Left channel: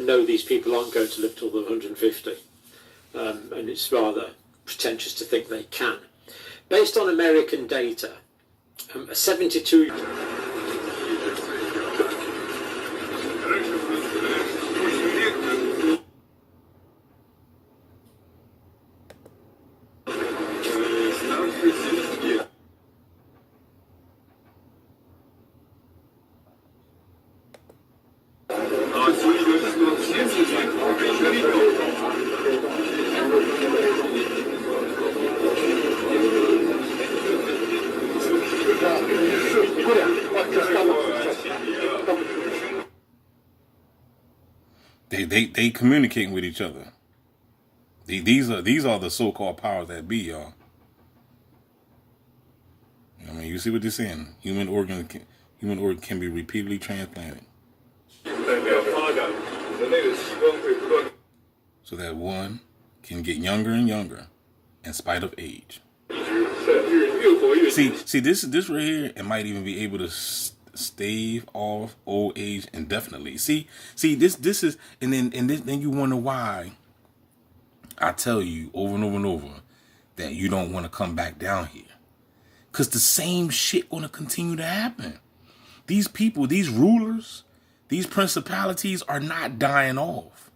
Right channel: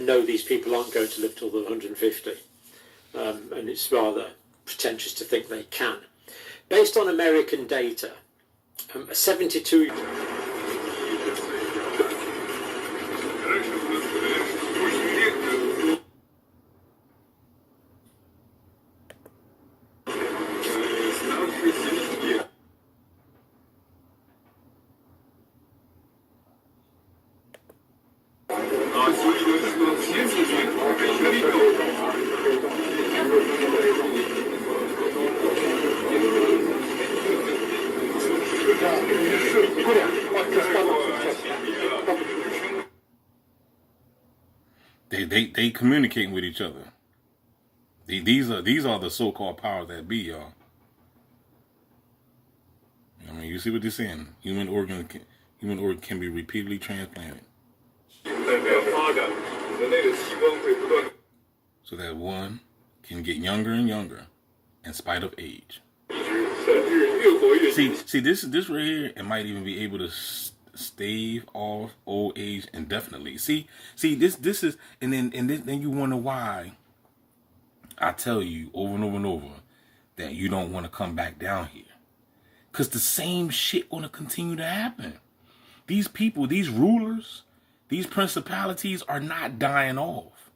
know these people aren't going to live till they're 150, and it's rather pretentious to think they can. Based on American data, a 72... They communicating with each other. These are the so-called powers that be, y'all. I mean, you see what they're saying? Human organ can be repeatedly transplanted, so that one can get younger and younger in spite of age. See, this right here, it might even be able to stave off old age indefinitely. See, this is, and then you wonder why I tell you over and over and over that you don't want to come back down here, because the same shit gonna continue to happen. These people, these rulers, these principalities are not dying off.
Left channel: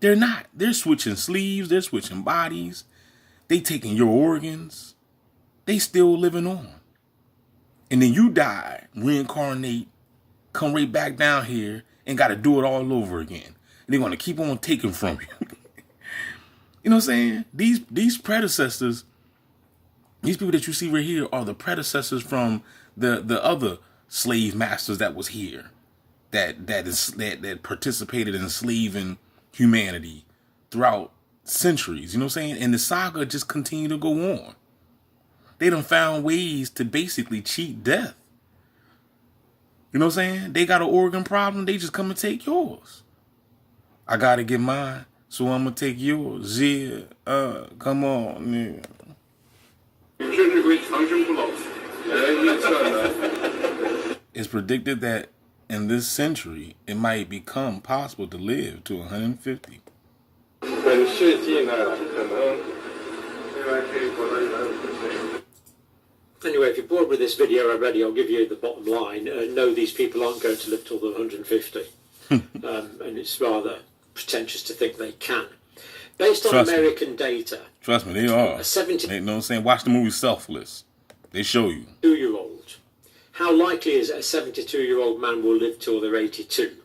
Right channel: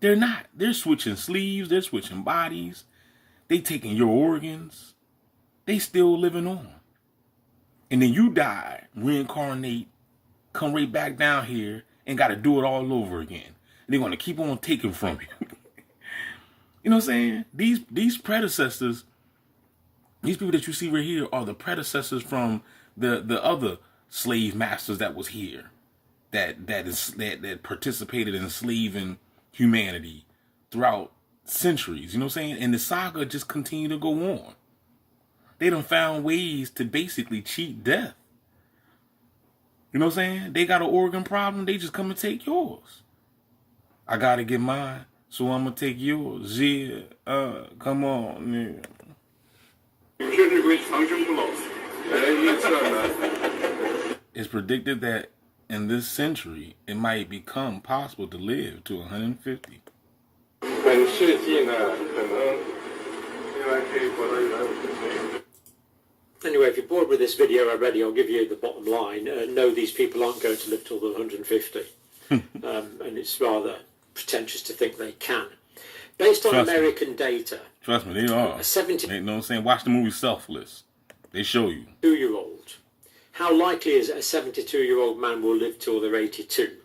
They're not. They're switching sleeves. They're switching bodies. They taking your organs. They still living on. And then you die, reincarnate, come right back down here, and got to do it all over again. And they're going to keep on taking from you. You know what I'm saying? These predecessors, these people that you see right here are the predecessors from the other slave masters that was here, that participated in enslaving humanity throughout centuries. You know what I'm saying? And the saga just continue to go on. They done found ways to basically cheat death. You know what I'm saying? They got an organ problem. They just come and take yours. I got to get mine, so I'm going to take yours. Yeah, come on, man. It's predicted that in this century, it might become possible to live to 150. Anyway, if you're bored with this video already, I'll give you the bottom line. No, these people aren't going to live till they're 150. And it's rather pretentious to think they can. Based on American data... Trust me, they are. You know what I'm saying? Watch the movie Selfless. They show you. 2-year-old. How likely is it a 72-year-old man will live till they're 82?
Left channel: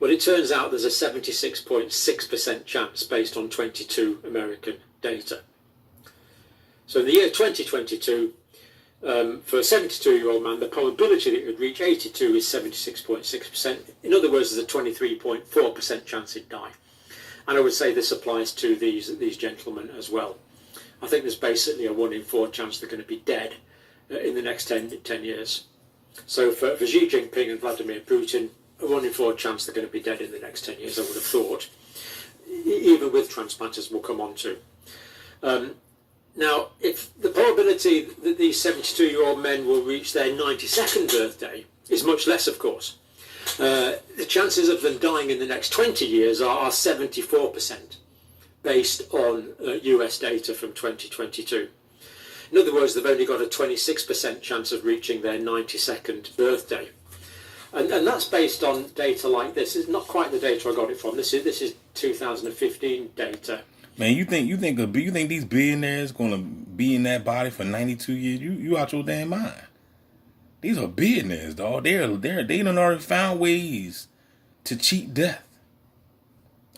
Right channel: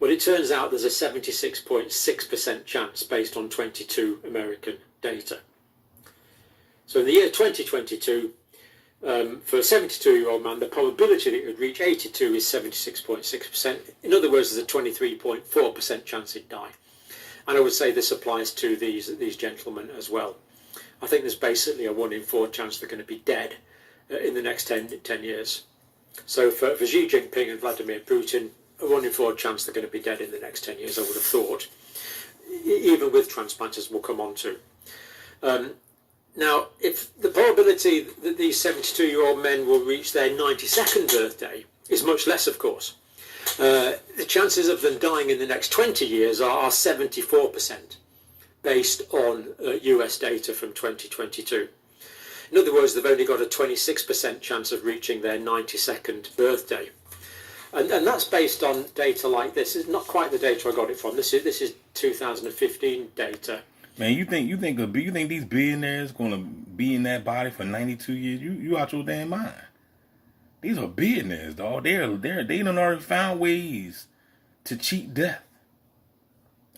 Well, it turns out there's a 76.6% chance based on 22 American data. So in the year 2022, for a 72-year-old man, the probability that he would reach 82 is 76.6%. In other words, there's a 23.4% chance he'd die. And I would say this applies to these gentlemen as well. I think there's basically a 1 in 4 chance they're going to be dead in the next 10 years. So for Xi Jinping and Vladimir Putin, a 1 in 4 chance they're going to be dead in the next 10 years, I would have thought, even with transplants, as we'll come on to. Now, if the probability that these 72-year-old men will reach their 92nd birthday is much less, of course, the chances of them dying in the next 20 years are 74%, based on US data from 2022. In other words, they've only got a 26% chance of reaching their 92nd birthday. And that's based on data like this. It's not quite the data I got it from. This is 2015 data. Man, you think these billionaires gonna be in that body for 92 years? You out your damn mind. These are billionaires, dog. They done already found ways to cheat death.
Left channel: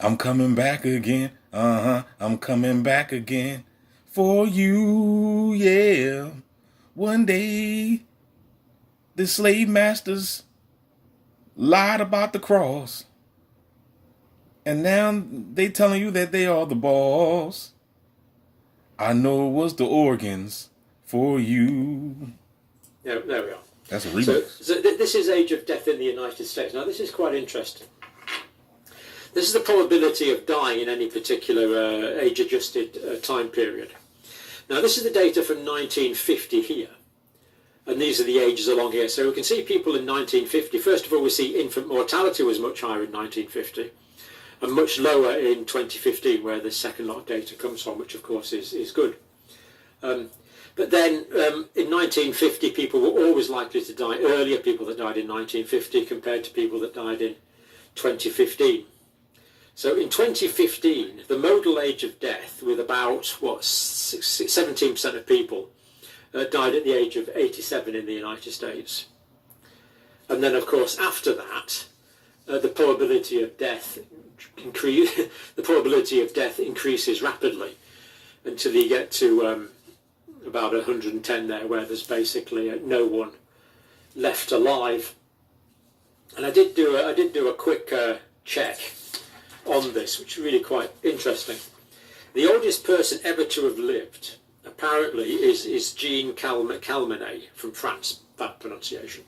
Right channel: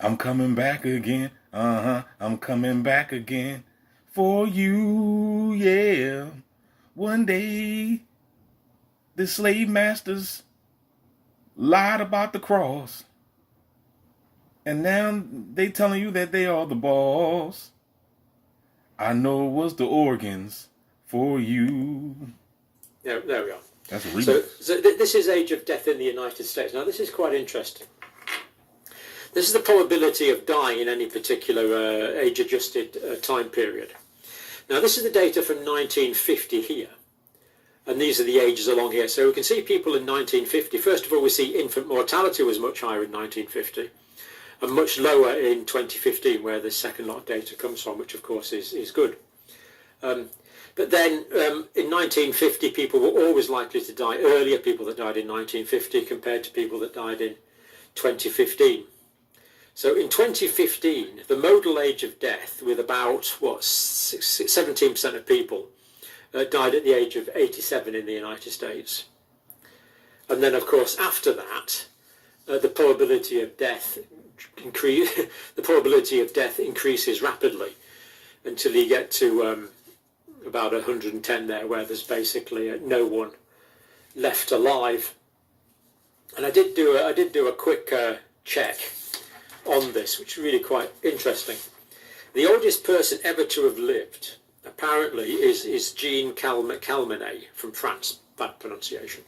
I'm coming back again. I'm coming back again for you, yeah. One day, the slave masters lied about the cross. And now they telling you that they are the boss. I know it was the organs for you. There we are. That's a remix. So this is age of death in the United States. Now this is quite interesting. This is the probability of dying in any particular age-adjusted time period. Now this is the data from 1950 here. And these are the ages along here. So we can see people in 1950. First of all, we see infant mortality was much higher in 1950 and much lower in 2015, where the second lot of data comes from, which of course is good. But then in 1950, people were always likely to die earlier, people that died in 1950 compared to people that died in 2015. So in 2015, the modal age of death, with about, 17% of people died at the age of 87 in the United States. And then, of course, after that, the probability of death increases rapidly until you get to about 110 there, where there's basically no one left alive. And I did do a quick check on this, which is really quite interesting. The oldest person ever to have lived, apparently, is Jean Calmenet from France. Bad pronunciation.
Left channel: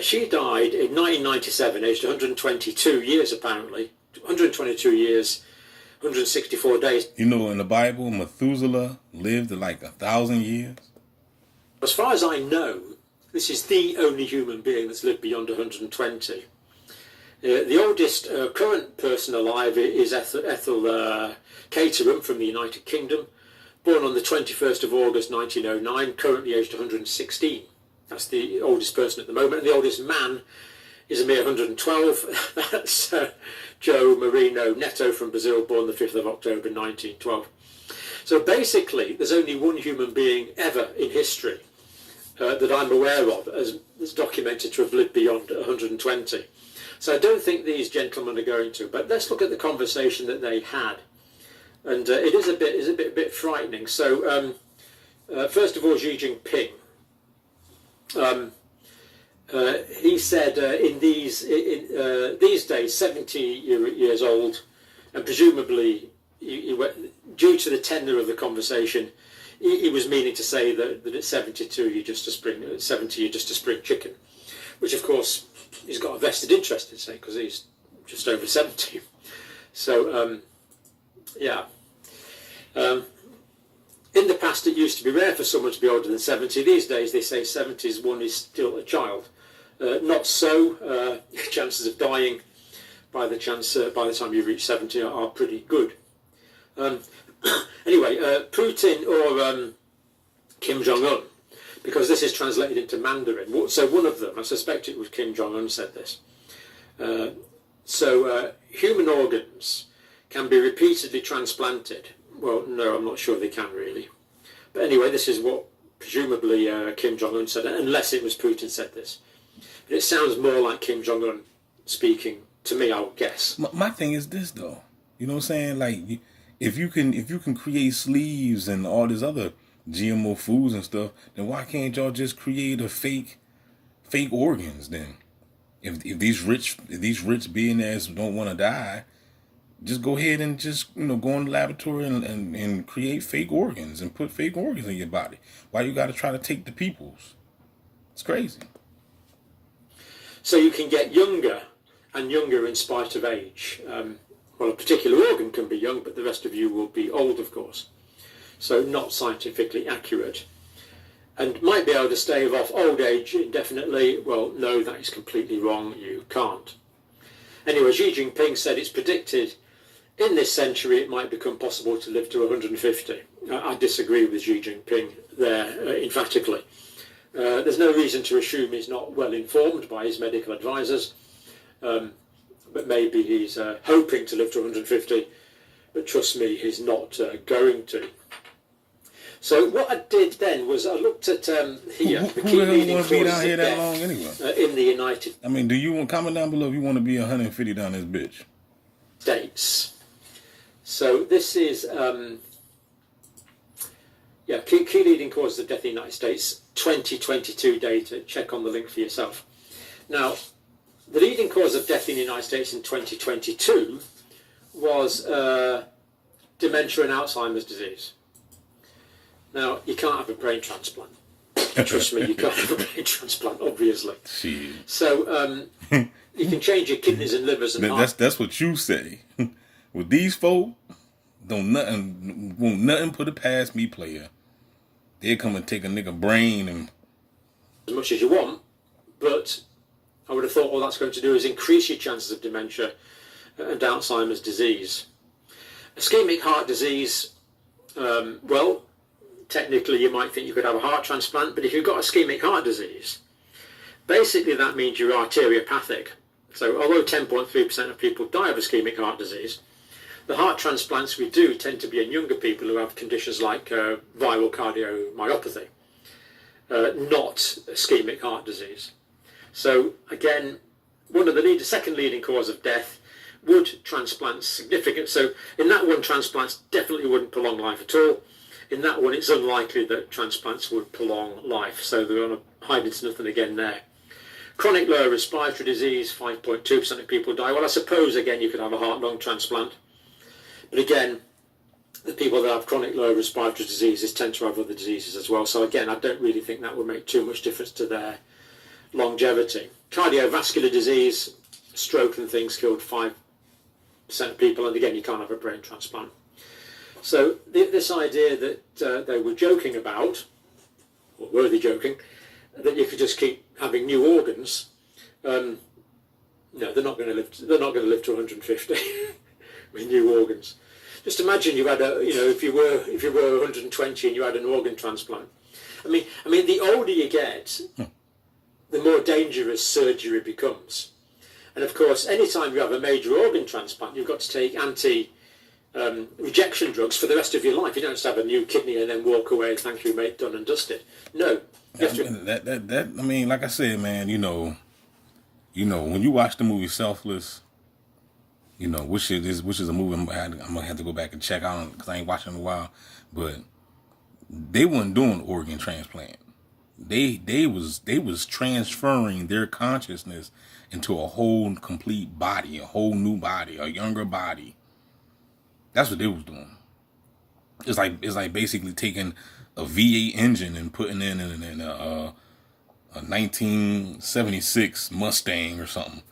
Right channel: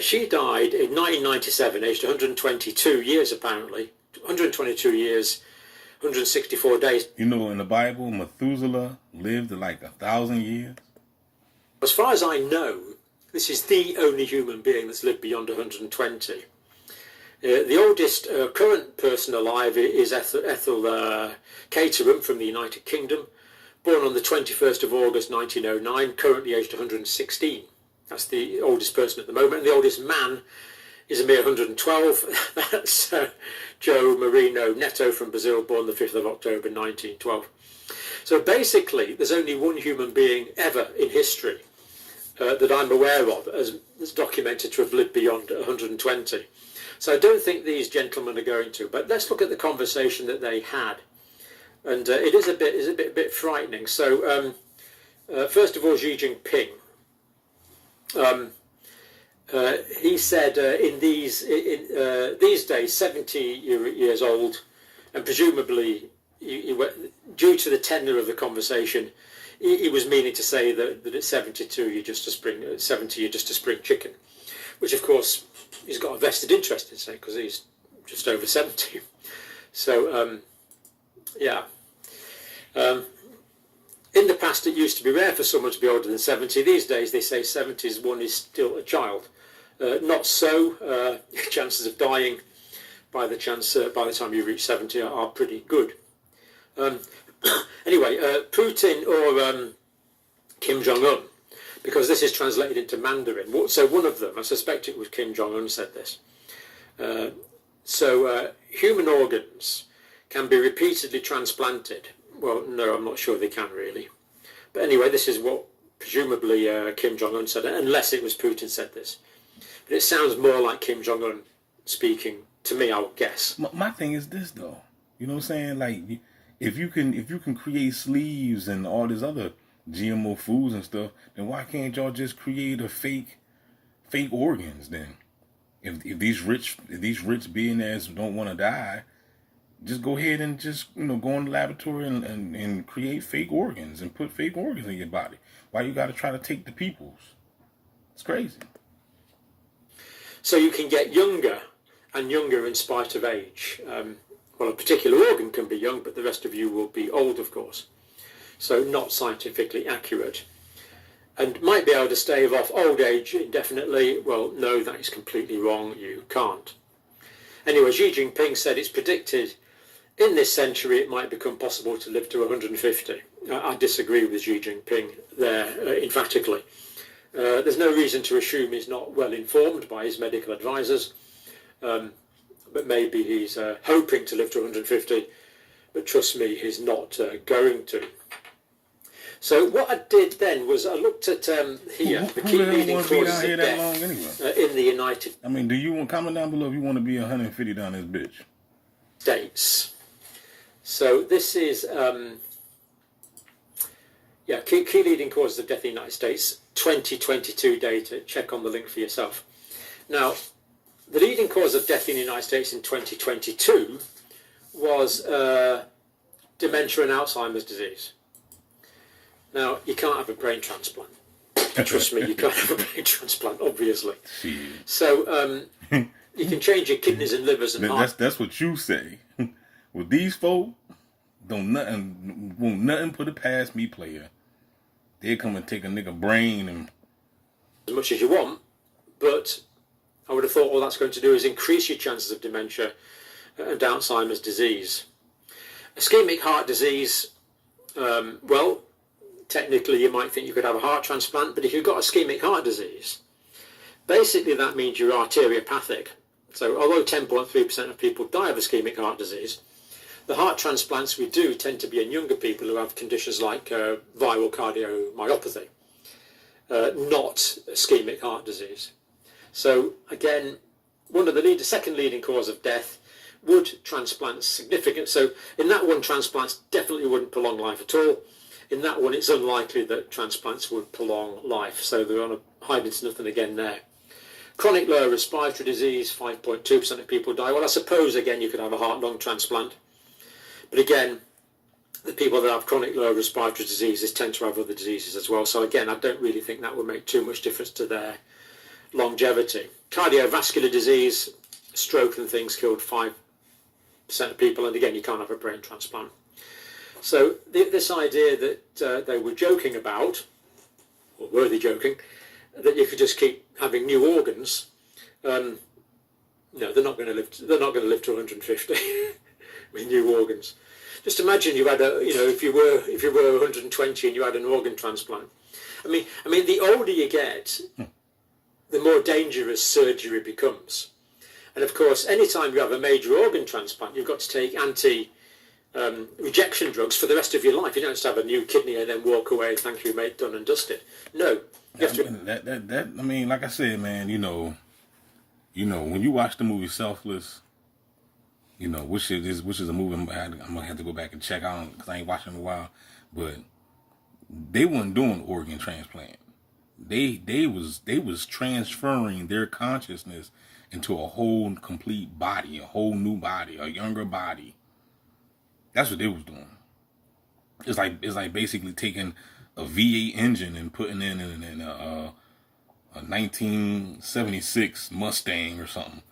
She died in 1997, aged 122 years, apparently. 122 years, 164 days. You know, in the Bible, Methuselah lived like 1,000 years. As far as I know, this is the only human being that's lived beyond 120. The oldest current person alive is Ethel Caterham from the United Kingdom, born on the 21st of August 1909, currently aged 116. That's the oldest person at the moment. And the oldest man is a mere 112. That's Joe Marino Neto from Brazil, born the 5th of October 1912. So basically, there's only one human being ever in history that I'm aware of as documented to have lived beyond 120. So I don't think these gentlemen are going to. But let's look at the conversation that they had. And it is a bit frightening. So first of all, Xi Jinping. He said in these days, 70 years old, and presumably, due to the tenor of the conversation, he was meaning to say that at 72 you're just a spring chicken, which of course he's got a vested interest in saying because he's just over 70. So yeah. In the past, it used to be rare for someone to be older than 70. These days, they say 70 one is still a child. Not so. Chances of dying by the time you reach 70 are pretty good. Anyway, Putin or Kim Jong-un, because this is translated into Mandarin. So one of them, I suspect it was Kim Jong-un, said this. Human organs can be repeatedly transplanted. Well, no, I'm not sure they can really. But anyway, this is what presumably Kim Jong-un said, unless it was Putin said this. But it sounds more like Kim Jong-un speaking to me, I'll guess. My thing is this, though. You know what I'm saying? Like, if you can create sleeves and all this other GMO foods and stuff, then why can't y'all just create a fake organs then? If these rich billionaires don't want to die, just go ahead and just, go in the laboratory and create fake organs and put fake organs in your body. Why you got to try to take the people's? It's crazy. So you can get younger and younger in spite of age. Well, a particular organ can be young, but the rest of you will be old, of course. So not scientifically accurate. And might be able to stave off old age indefinitely. Well, no, that is completely wrong. You can't. Anyway, Xi Jinping said it's predicted in this century it might become possible to live to 150. I disagree with Xi Jinping there emphatically. There's no reason to assume he's not well informed by his medical advisors, but maybe he's hoping to live to 150, but trust me, he's not going to. So what I did then was I looked at here. Who the hell wants to be down here that long anyway? In the United do you want comment down below if you want to be 150 down this bitch? States. So this is key leading causes of death in the United States, 2022 data. Check on the link for yourself. Now, the leading cause of death in the United States in 2022 was dementia and Alzheimer's disease. Now, you can't have a brain transplant. Trust me, you can't have a brain transplant, obviously. Jeez. So you can change your kidneys and livers and heart. That's what you say. With these folk, won't nothing put it past me, player. They come and take a nigga brain and as much as you want, but I would have thought all that's going to do is increase your chances of dementia and Alzheimer's disease. Ischemic heart disease, well, technically you might think you could have a heart transplant, but if you've got ischemic heart disease, basically that means you're arteriopathic. So although 10.3% of people die of ischemic heart disease, the heart transplants we do tend to be in younger people who have conditions like viral cardiomyopathy, not ischemic heart disease. So again, second leading cause of death would transplants significant. So in that one, transplants definitely wouldn't prolong life at all. In that one, it's unlikely that transplants would prolong life. So they're on a hiding to nothing again there. Chronic lower respiratory disease, 5.2% of people die. Well, I suppose, again, you could have a heart-lung transplant. But again, the people that have chronic lower respiratory diseases tend to have other diseases as well. So again, I don't really think that would make too much difference to their longevity. Cardiovascular disease, stroke and things killed 5% of people. And again, you can't have a brain transplant. So this idea that they were joking about, or were they joking, that you could just keep having new organs, no, they're not going to live. They're not going to live to 150 with new organs. Just imagine you had if you were 120 and you had an organ transplant. I mean, the older you get, the more dangerous surgery becomes. And of course, anytime you have a major organ transplant, you've got to take rejection drugs for the rest of your life. You don't just have a new kidney and then walk away and thank you, mate, done and dusted. No. I mean, like I said, man, when you watch the movie Selfless, which is a movie I'm gonna have to go back and check out because I ain't watching in a while, but they weren't doing organ transplant. They was transferring their consciousness into a whole complete body, a whole new body, a younger body. That's what they was doing. It's like basically taking a V8 engine and putting in a 1976 Mustang or something.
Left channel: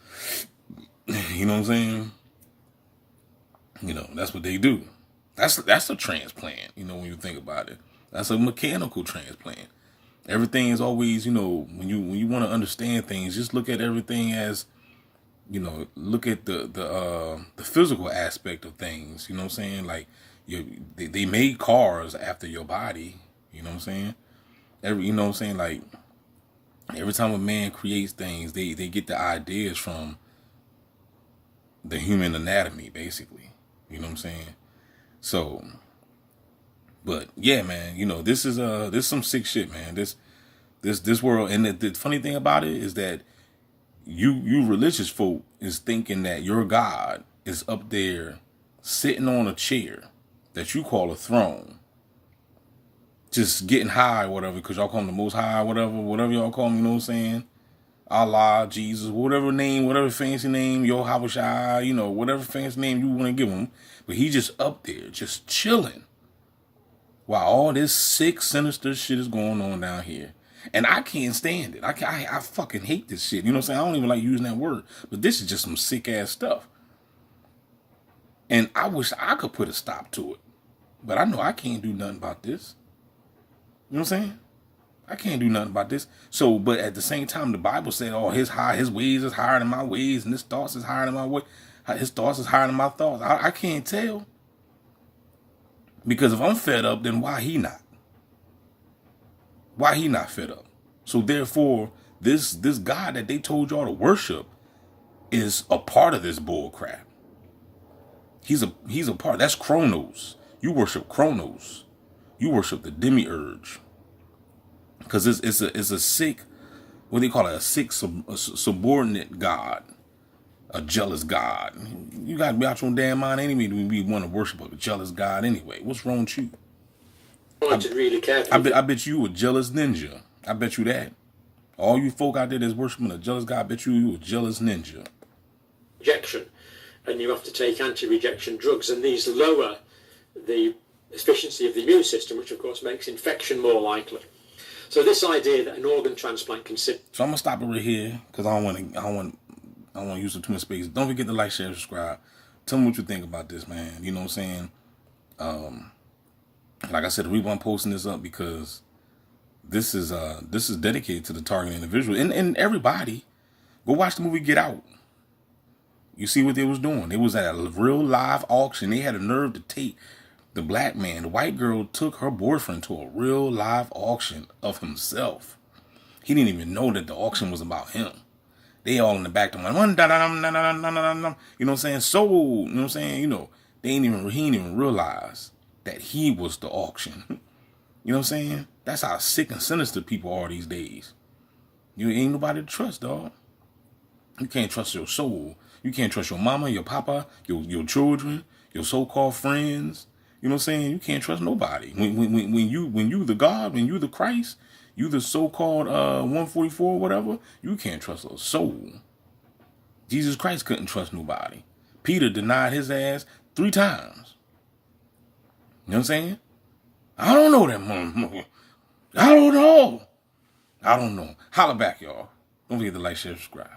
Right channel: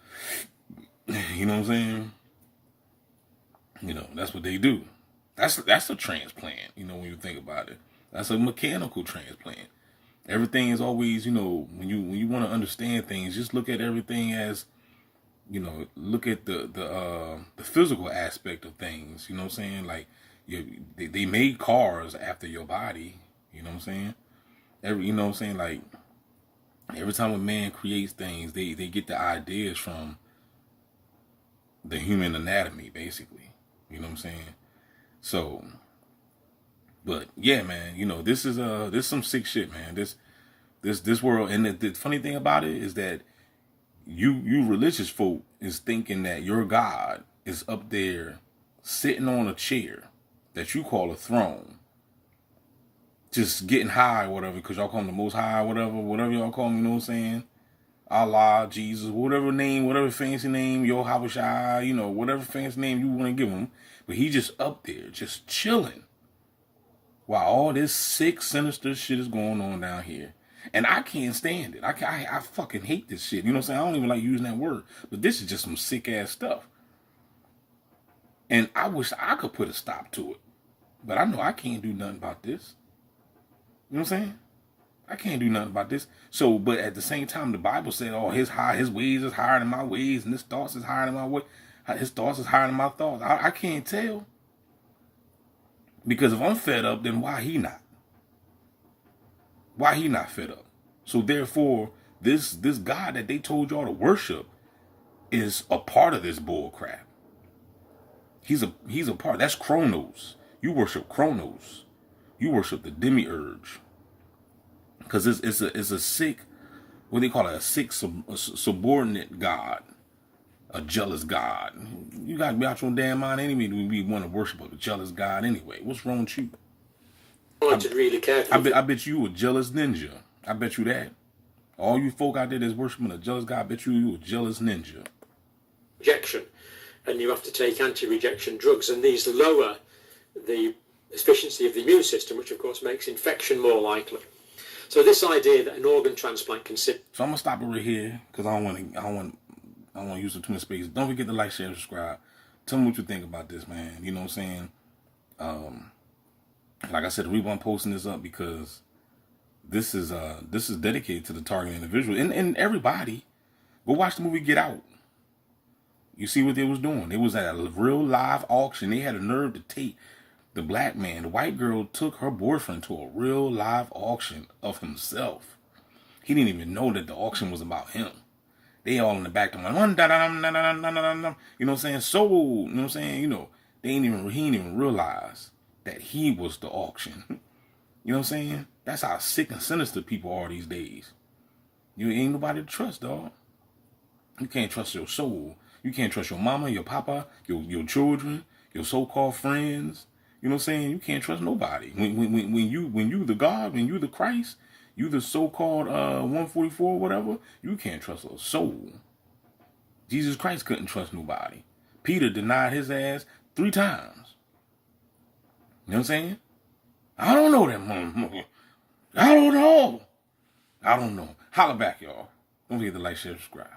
You know what I'm saying? That's what they do. That's a transplant, when you think about it. That's a mechanical transplant. Everything is always, when you want to understand things, just look at everything as, look at the physical aspect of things. You know what I'm saying? Like they made cars after your body. You know what I'm saying? Like every time a man creates things, they get the ideas from the human anatomy, basically. You know what I'm saying? So, but yeah, man, this is some sick shit, man. This world, and the funny thing about it is that you religious folk is thinking that your God is up there sitting on a chair that you call a throne, just getting high or whatever, because y'all call him the Most High, whatever y'all call him, you know what I'm saying? Allah, Jesus, whatever fancy name, Yahweh, whatever fancy name you want to give him. But he just up there, just chilling, while all this sick, sinister shit is going on down here. And I can't stand it. I fucking hate this shit. You know what I'm saying? I don't even like using that word. But this is just some sick ass stuff. And I wish I could put a stop to it. But I know I can't do nothing about this. You know what I'm saying? I can't do nothing about this. So, but at the same time, the Bible said, oh, his ways is higher than my ways, and his thoughts is higher than my way. His thoughts is higher than my thoughts. I can't tell. Because if I'm fed up, then why he not? Why he not fed up? So therefore, this God that they told y'all to worship is a part of this bull crap. He's a part. That's Kronos. You worship Kronos. You worship the demiurge. Because it's a sick, what they call it, a sick subordinate God. A jealous God. You got to be out your damn mind anyway to be want to worship a jealous God anyway. What's wrong with you? Really carefully. I bet you a jealous ninja. I bet you that. All you folk out there that's worshiping a jealous God, I bet you a jealous ninja. Rejection. And you have to take anti-rejection drugs, and these lower the efficiency of the immune system, which of course makes infection more likely. So this idea that an organ transplant can sit. So I'm gonna stop it right here because I don't want to use too much space. Don't forget to like, share, and subscribe. Tell me what you think about this, man. You know what I'm saying? Like I said, the reason I'm posting this up because This is dedicated to the target individual and everybody. Go watch the movie Get Out. You see what they was doing. It was at a real live auction. They had a nerve to take the black man. The white girl took her boyfriend to a real live auction of himself. He didn't even know that the auction was about him. They all in the back, like, you know what I'm saying? So, you know what I'm saying? You know, he ain't even realize that he was the auction. You know what I'm saying? That's how sick and sinister people are these days. You ain't nobody to trust, dog. You can't trust your soul. You can't trust your mama, your papa, your children, your so-called friends. You know what I'm saying? You can't trust nobody. When you the God, when you the Christ, you the so-called 144 whatever, you can't trust a soul. Jesus Christ couldn't trust nobody. Peter denied his ass 3 times. You know what I'm saying? I don't know that motherfucker. I don't know. Holla back, y'all. Don't forget to like, share, subscribe.